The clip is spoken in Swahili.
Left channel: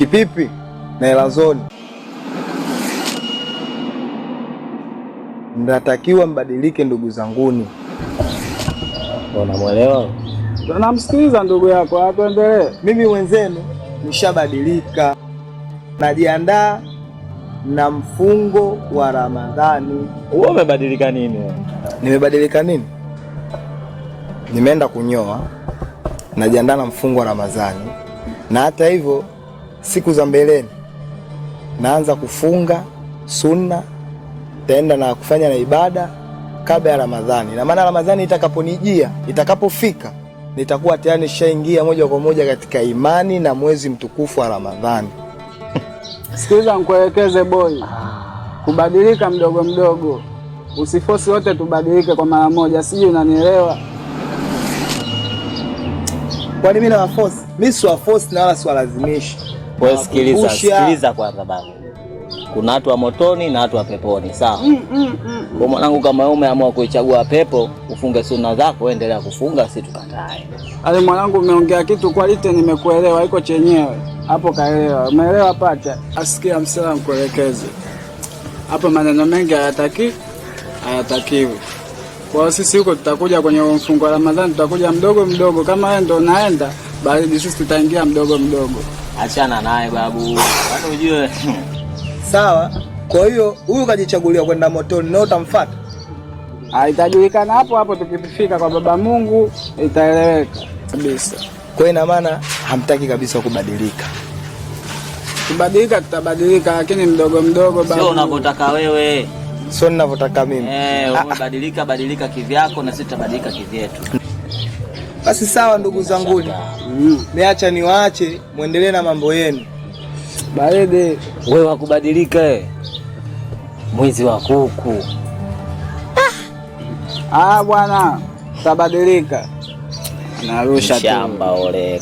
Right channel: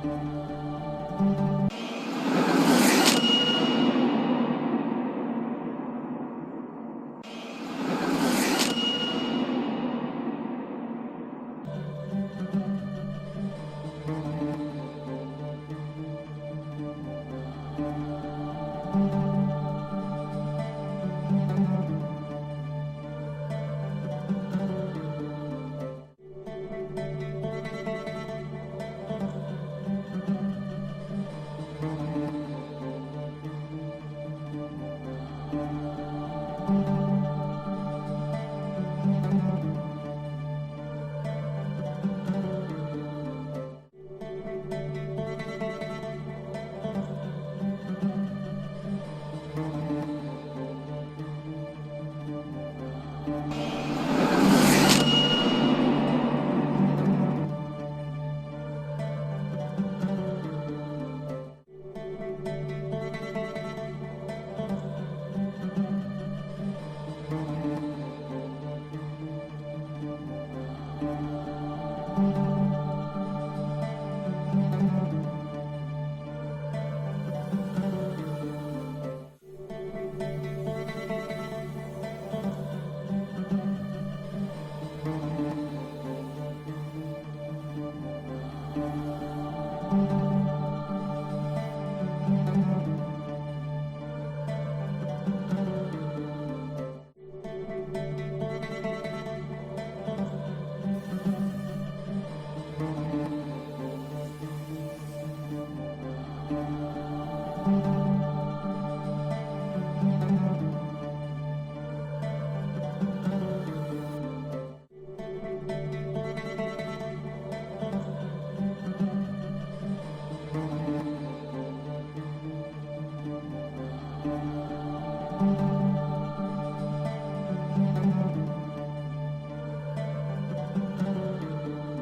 Kipipi na Elazoni, mnatakiwa mbadilike ndugu zanguni. Unamwelewa? Tunamsikiliza ndugu yako, atuendelee. Mimi wenzenu nishabadilika, najiandaa na mfungo wa Ramadhani. Wewe umebadilika nini? Nimebadilika nini? Nimeenda kunyoa, najiandaa na mfungo wa Ramadhani, na hata hivyo siku za mbeleni naanza kufunga sunna, taenda na kufanya na ibada kabla ya Ramadhani. Na maana Ramadhani itakaponijia, itakapofika, nitakuwa tayari nishaingia moja kwa moja katika imani na mwezi mtukufu wa Ramadhani. Sikiliza nikuelekeze boy, kubadilika mdogo mdogo, usifosi wote tubadilike kwa mara moja, sije unanielewa? Kwani mimi na wafosi? Mimi si wafosi na wala si walazimishi. Wewe sikiliza kwa sababu kuna watu wa motoni na watu wa peponi, sawa? Kwa mwanangu, kama wewe umeamua kuichagua pepo, ufunge sunna zako, endelea kufunga, si tukatae. Ale mwanangu, umeongea kitu quality, nimekuelewa, iko chenyewe hapo, kaelewa. Umeelewa pacha? Asikia msala mkuelekeze hapo, maneno mengi hayatakiwi. Kwa sisi huko tutakuja kwenye mfungo wa Ramadhani, tutakuja mdogo mdogo. Kama wewe ndo unaenda bali sisi tutaingia mdogo mdogo. Achana naye babu, hata ujue. Sawa. Kwa hiyo huyu kajichagulia kwenda motoni, na utamfuata? Itajulikana hapo hapo, tukifika kwa Baba Mungu itaeleweka kabisa. Kwa ina maana hamtaki kabisa kubadilika. Kubadilika tutabadilika, lakini mdogo mdogo babu. Sio unavyotaka wewe. Sio ninavyotaka mimi. Badilika kivyako na sisi tutabadilika kivyetu. Basi sawa ndugu zangu. Niacha niwaache muendelee na mambo yenu. Baridi, wewe wakubadilika mwizi wa kuku. Bwana, tutabadilika. Narusha tu. Shamba ole.